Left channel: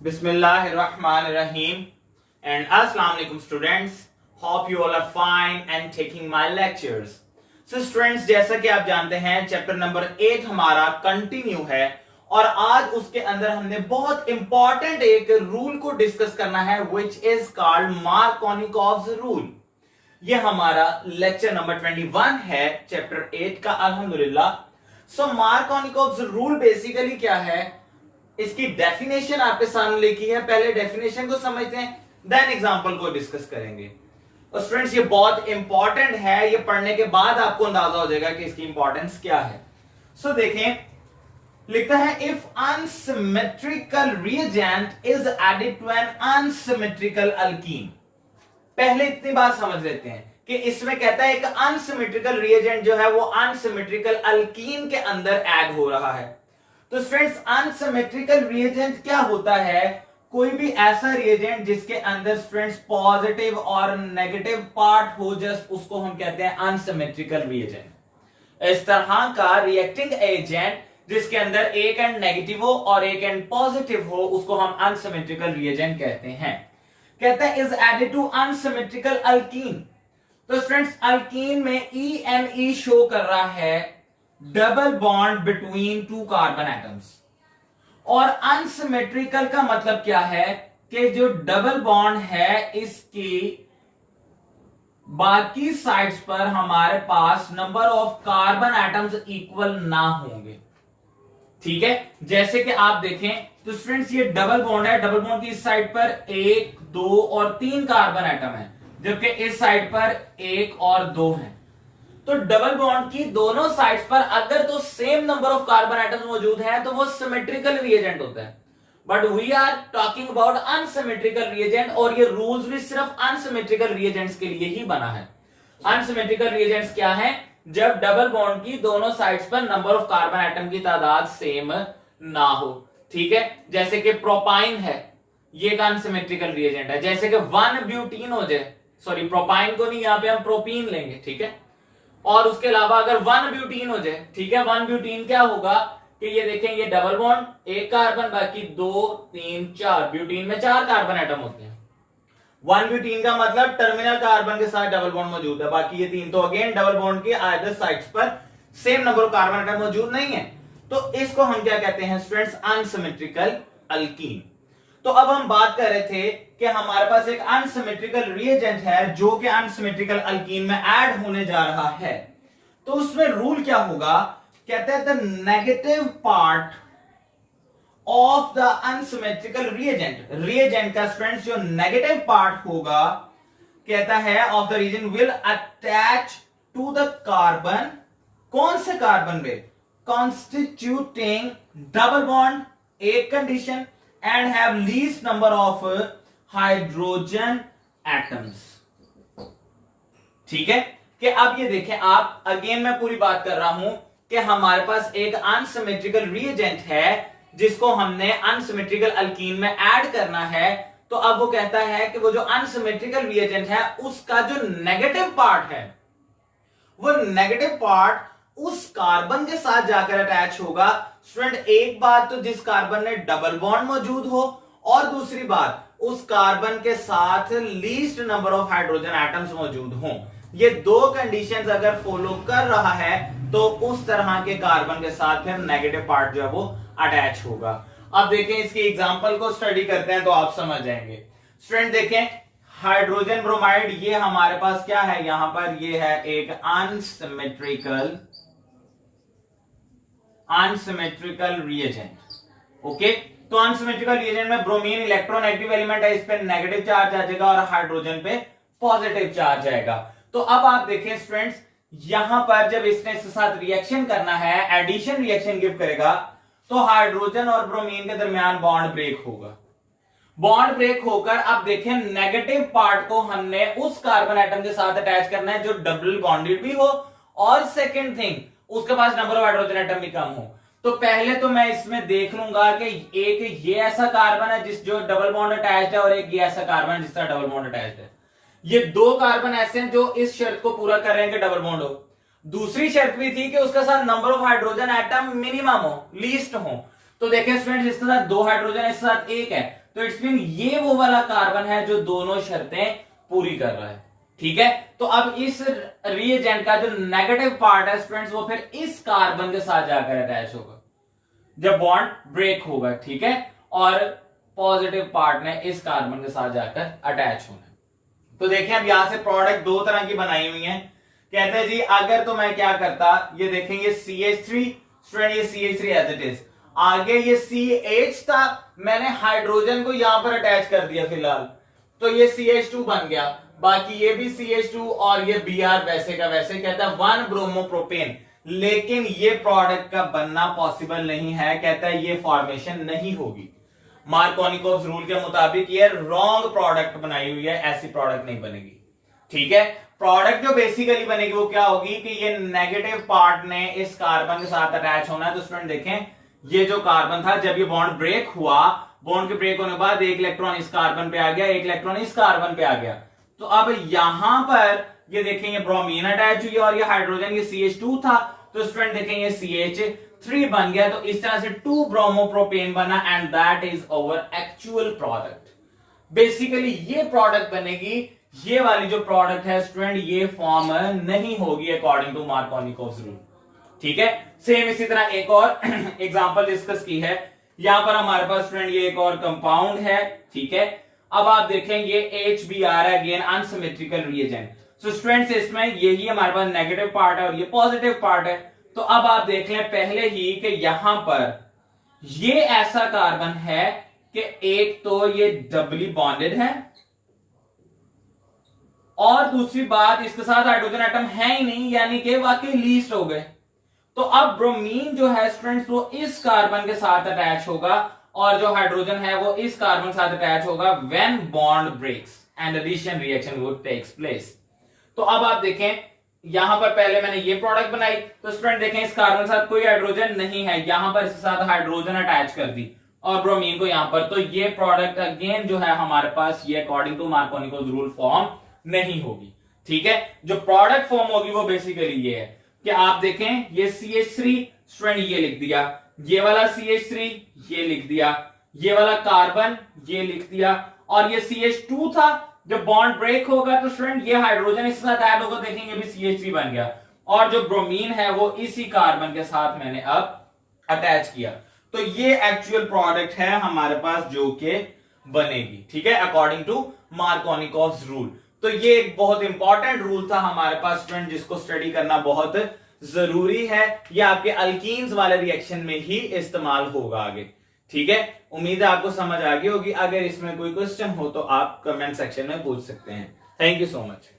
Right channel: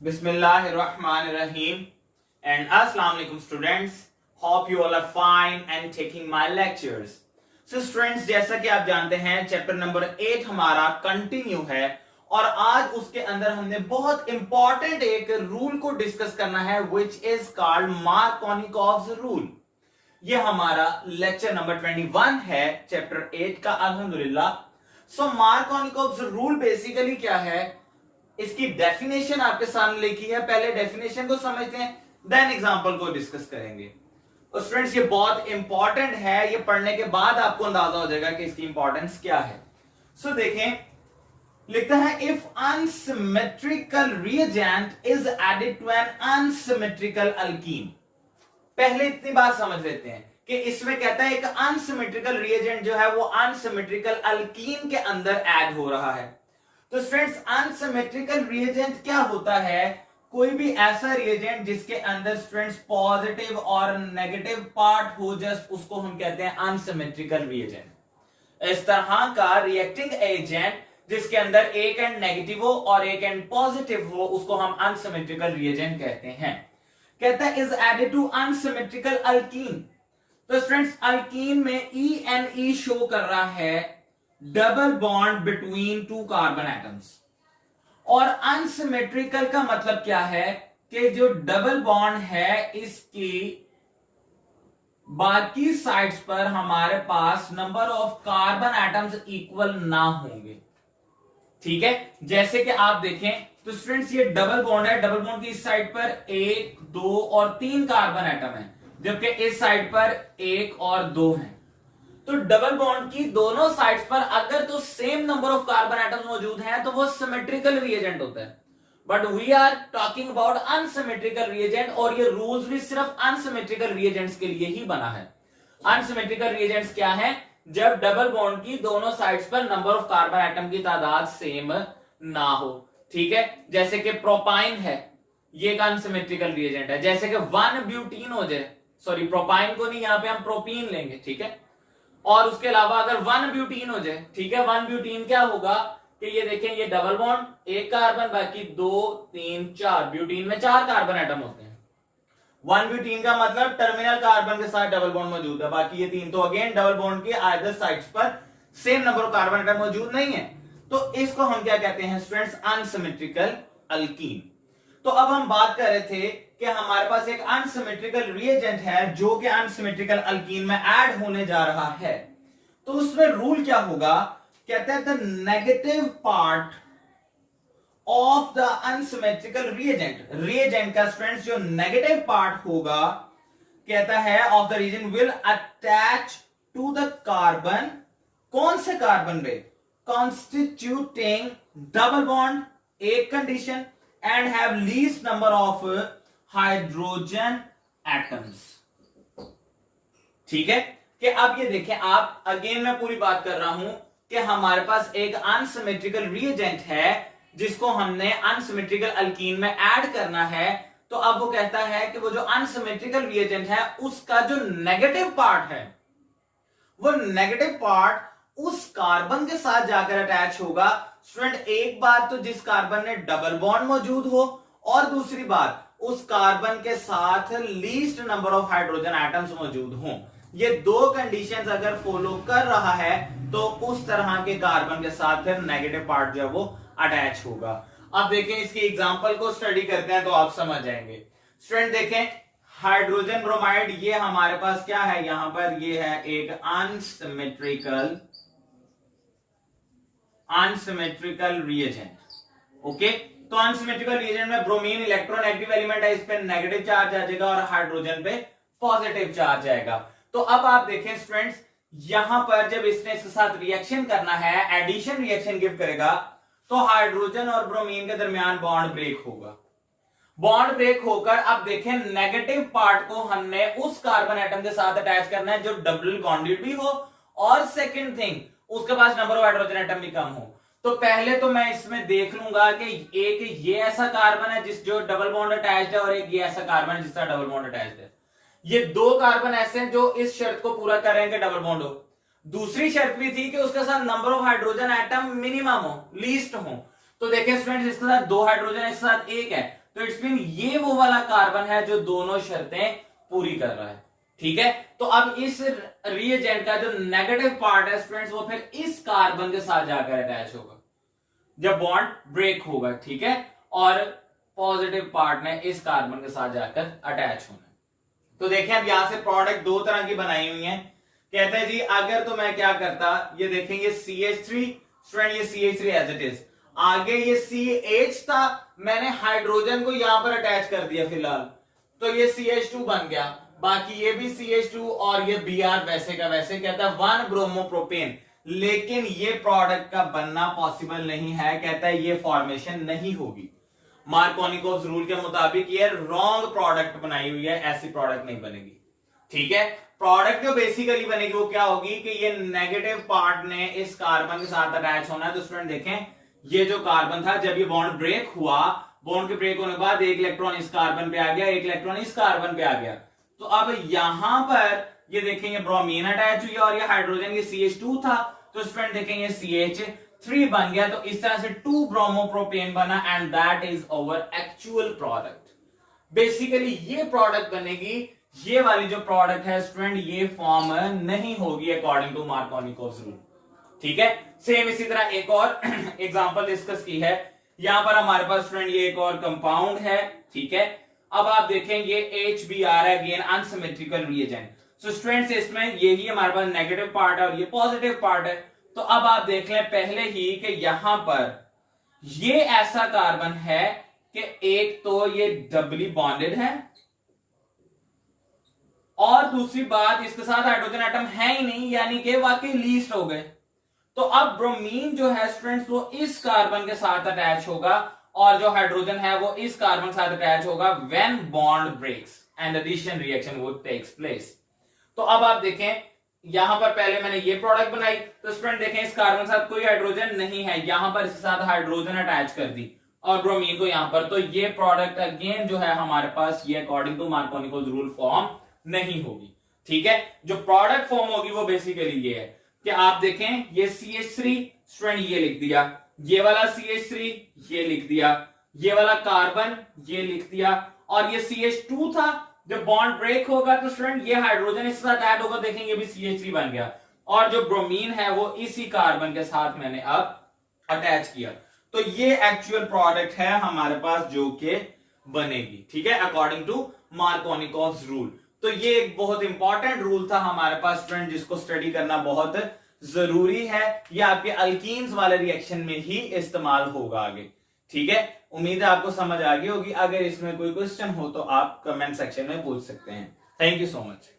Bismillahirrahmanirrahim and Assalamu alaikum students. Hope you all are fine and taking my lectures. So students, जैसा कि आप जानते हैं chapter number 8 हमारा कंटिन्यू है और आज उसके अंदर हमने बहुत इंपॉर्टेंट एक रूल को डिस्कस करना है which is called Markovnikov's rule. ये हमारा लेक्चर नंबर 21 है चैप्टर 8 का अल्हम्दुलिल्लाह. सो Markovnikov's रूल बेसिकली क्या है, इसकी डेफिनेशन आपके सामने लिखी है. पहले डेफिनेशन को समझते हैं, देन एग्जांपल को डिस्कस करेंगे. और स्टूडेंट्स ये बहुत इंपॉर्टेंट है, ये पढ़ने के बाद आपको अंदाजा हो जाएगा कि इसकी इंपॉर्टेंस क्या है. सो देखें, लिखता है if unsymmetrical reagent is added to an unsymmetrical alkene. पहले इतनी बात समझ लेते हैं कि इसमें कहता है एक अनसिमेट्रिकल रिएजेंट जो है वो अनसिमेट्रिकल अल्कीन के अंदर ऐड हो रहा है. तो स्टूडेंट्स अनसिमेट्रिकल रिएजेंट क्या होता है? कोई भी ऐसा रिएजेंट जिसके अंदर स्टूडेंट्स पॉजिटिव और नेगेटिव पार्ट हो, जस्ट उसको हम कहते हैं अनसिमेट्रिकल रिएजेंट. इस तरह का रिएक्टिंग एजेंट जिसके अंदर एक एंड नेगेटिव हो और एक एंड पॉजिटिव हो, उसको हम अनसिमेट्रिकल रिएजेंट कहते हैं. कहता है is added to unsymmetrical alkene. तो स्टूडेंट्स अल्कीन में ई शो कर रहा है double bond between two carbon atoms. और अनसिमेट्रिकल का मतलब क्या है कि जो डबल बॉन्ड है इसकी बाकी साइड्स पर हमारे पास number of carbon atoms equal ना होंगे. ठीक है, जैसे कि आप देखें तो स्टूडेंट्स ये डबल बॉन्ड है, डबल बॉन्ड की इस साइड पर 1, 2 और 3 कार्बन एटम है, जबकि इस साइड पर 1 और 2 है. तो डबल बॉन्ड की दोनों साइड्स पर अगर तो same number of carbon atoms मौजूद हैं तो वो सिमेट्रिकल रिएजेंट होता है. But we are talking about unsymmetrical reagent और ये रूल्स भी सिर्फ अनसिमेट्रिकल रिएजेंट्स के लिए ही बना है. अनसिमेट्रिकल रिएजेंट्स क्या है? जब डबल बॉन्ड की दोनों साइड्स पर नंबर ऑफ कार्बन एटम की तादाद सेम ना हो. ठीक है, जैसे कि प्रोपाइन है, ये एक अनसिमेट्रिकल रिएजेंट है. जैसे कि 1 ब्यूटीन हो जाए, सॉरी प्रोपाइन को नहीं, यहां पे हम प्रोपीन लेंगे. ठीक है, और उसके अलावा अगर 1 ब्यूटीन हो जाए, ठीक है, 1 ब्यूटीन क्या होगा कि ये देखें, ये डबल बॉन्ड, एक कार्बन, बाकी 2, 3, 4. ब्यूटीन में 4 कार्बन एटम होते हैं. 1 ब्यूटीन का मतलब टर्मिनल कार्बन के साथ डबल बॉन्ड मौजूद है, बाकी ये 3 तो अगेन डबल बॉन्ड की आइदर साइड्स पर same number of carbon atom मौजूद नहीं है. तो इसको हम क्या कहते हैं स्टूडेंट्स? Unsymmetrical alkene. तो अब हम बात कर रहे थे कि हमारे पास एक अनसिमेट्रिकल रिएजेंट है जो कि अनसिमेट्रिकल अल्कीन में ऐड होने जा रहा है. तो उसमें रूल क्या होगा? कहते हैं the negative part of the unsymmetrical reagent, reagent का स्टूडेंट्स जो नेगेटिव पार्ट होगा, कहता है of the reagent will attach to the carbon. कौन से कार्बन पे? कॉन्स्टिट्यूटिंग डबल बॉन्ड, एक condition, and have least number of hydrogen atoms. ठीक है, कि अब ये देखें आप, अगेन मैं पूरी बात कर रहा हूं कि हमारे पास एक अनसिमेट्रिकल रिएजेंट है जिसको हमने अनसिमेट्रिकल अल्कीन में ऐड करना है. तो अब वो कहता है कि वो जो अनसिमेट्रिकल रिएजेंट है उसका जो नेगेटिव पार्ट है, वो नेगेटिव पार्ट उस कार्बन के साथ जाकर अटैच होगा. स्टूडेंट एक बात तो जिस कार्बन में डबल बॉन्ड मौजूद हो, और दूसरी बात उस कार्बन के साथ least number of hydrogen atoms मौजूद हों. ये 2 कंडीशंस अगर फॉलो कर रहा है तो उस तरह के कार्बन के साथ फिर नेगेटिव पार्ट जो है वो अटैच होगा. अब देखें इसकी एग्जांपल को स्टडी करते हैं तो आप समझ जाएंगे. स्टूडेंट देखें, हाइड्रोजन ब्रोमाइड, ये हमारे पास क्या है, यहां पर ये है एक अनसिमेट्रिकल रिएजेंट. ओके, तो अनसिमेट्रिकल रिएजेंट में ब्रोमीन इलेक्ट्रोनेगेटिव एलिमेंट है, इस पे नेगेटिव चार्ज आ जाएगा और हाइड्रोजन पे पॉजिटिव चार्ज आएगा. तो अब आप देखें स्टूडेंट्स, यहां पर जब इसने इसके साथ रिएक्शन करना है, एडिशन रिएक्शन गिव करेगा, तो हाइड्रोजन और ब्रोमीन के दरमियान बॉन्ड ब्रेक होगा. बॉन्ड ब्रेक होकर अब देखें नेगेटिव पार्ट को हमने उस कार्बन एटम के साथ अटैच करना है जो डबल बॉन्डेड भी हो, और सेकेंड थिंग उसके पास नंबर ऑफ हाइड्रोजन एटम भी कम हो. तो पहले तो मैं इसमें देख लूंगा कि एक ये ऐसा कार्बन है जिस जो डबल बॉन्ड अटैच्ड है और एक ये ऐसा कार्बन है जिसका डबल बॉन्ड अटैच्ड है. ये 2 कार्बन ऐसे हैं जो इस शर्त को पूरा कर रहे हैं कि डबल बॉन्ड हो. दूसरी शर्त भी थी कि उसके साथ number of hydrogen atom minimum हो, लीस्ट हो. तो देखें स्टूडेंट्स, इसके साथ 2 हाइड्रोजन, इसके साथ 1 है, तो इट्स मीन ये वो वाला कार्बन है जो दोनों शर्तें पूरी कर रहा है। ठीक है, तो अब इस रिएजेंट का जो नेगेटिव पार्ट है स्टूडेंट्स वो फिर इस कार्बन के साथ जाकर अटैच होगा जब बॉन्ड ब्रेक होगा। ठीक है, और पॉजिटिव पार्ट ने इस कार्बन के साथ जाकर अटैच होना है। तो देखें अब यहां से प्रोडक्ट दो तरह की बनाई हुई है। कहते हैं जी अगर तो मैं क्या करता, ये देखेंगे CH3 स्टूडेंट, ये CH3 एज इट इज, आगे ये CH था, मैंने हाइड्रोजन को यहां पर अटैच कर दिया फिलहाल, तो ये CH2 बन गया, बाकी ये भी CH2 और ये Br वैसे का वैसे। कहता है 1 ब्रोमोप्रोपेन, लेकिन ये प्रोडक्ट का बनना पॉसिबल नहीं है। कहता है ये फॉर्मेशन नहीं होगी, मार्कोनिकोव रूल के मुताबिक ये रॉन्ग प्रोडक्ट बनाई हुई है, ऐसी प्रोडक्ट नहीं बनेगी। ठीक है, प्रोडक्ट जो बेसिकली बनेगी वो क्या होगी कि ये नेगेटिव पार्ट ने इस कार्बन के साथ अटैच होना है। तो स्टूडेंट देखें, ये जो कार्बन था जब ये बॉन्ड ब्रेक हुआ, बॉन्ड के ब्रेक होने के बाद एक इलेक्ट्रॉन इस कार्बन पे आ गया, एक इलेक्ट्रॉन इस कार्बन पे आ गया। तो अब यहां पर ये देखें ये ब्रोमीन अटैच हुई है और ये हाइड्रोजन ये CH2 था, तो स्टूडेंट देखें ये CH3 बन गया। तो इस तरह से 2 ब्रोमोप्रोपेन बना and that is our actual product. Basically ये प्रोडक्ट बनेगी, ये वाली जो प्रोडक्ट है स्टूडेंट ये फॉर्म नहीं होगी अकॉर्डिंग टू मार्कोनिकोव रूल। ठीक है, सेम इसी तरह एक और एग्जांपल डिस्कस की है। यहां पर हमारे पास स्टूडेंट ये एक और कंपाउंड है। ठीक है, अब आप देखें ये HBr है, again unsymmetrical reagent. So students इसमें यही हमारे पास नेगेटिव पार्ट है और ये पॉजिटिव पार्ट है। तो अब आप देख लें पहले ही कि यहां पर ये ऐसा कार्बन है कि एक तो ये डबली बॉन्डेड है और दूसरी बात इसके साथ हाइड्रोजन एटम है ही नहीं, यानी कि वाकई लीस्ट हो गए। तो अब ब्रोमीन जो है स्टूडेंट्स वो इस कार्बन के साथ अटैच होगा और जो हाइड्रोजन है वो इस कार्बन के साथ अटैच होगा when bond breaks and addition reaction would takes place. तो अब आप देखें यहां पर पहले मैंने ये प्रोडक्ट बनाई, तो स्टूडेंट देखें इस कार्बन के साथ कोई हाइड्रोजन नहीं है, यहां पर इसके साथ हाइड्रोजन अटैच कर दी और ब्रोमीन को यहां पर, तो ये प्रोडक्ट अगेन जो है हमारे पास ये according to Markovnikov rule form नहीं होगी। ठीक है, जो प्रोडक्ट फॉर्म होगी वो बेसिकली ये है कि आप देखें ये CH3 स्टूडेंट ये लिख दिया, ये वाला CH3 ये लिख दिया, ये वाला कार्बन ये लिख दिया और ये CH2 था। जब बॉन्ड ब्रेक होगा तो स्टूडेंट ये हाइड्रोजन इसके साथ ऐड होगा, देखेंगे भी CH3 बन गया और जो ब्रोमीन है वो इसी कार्बन के साथ मैंने अब अटैच किया। तो ये एक्चुअल प्रोडक्ट है हमारे पास जो कि बनेगी। ठीक है, अकॉर्डिंग टू मार्कोनिकोव रूल। तो ये एक बहुत इंपॉर्टेंट रूल था हमारे पास स्टूडेंट, जिसको स्टडी करना बहुत जरूरी है। ये आपके अल्कीन्स वाले रिएक्शन में ही इस्तेमाल होगा आगे। ठीक है, उम्मीद है आपको समझ आ गई होगी। अगर इसमें कोई क्वेश्चन हो तो आप कमेंट सेक्शन में पूछ सकते हैं। Thank you so much.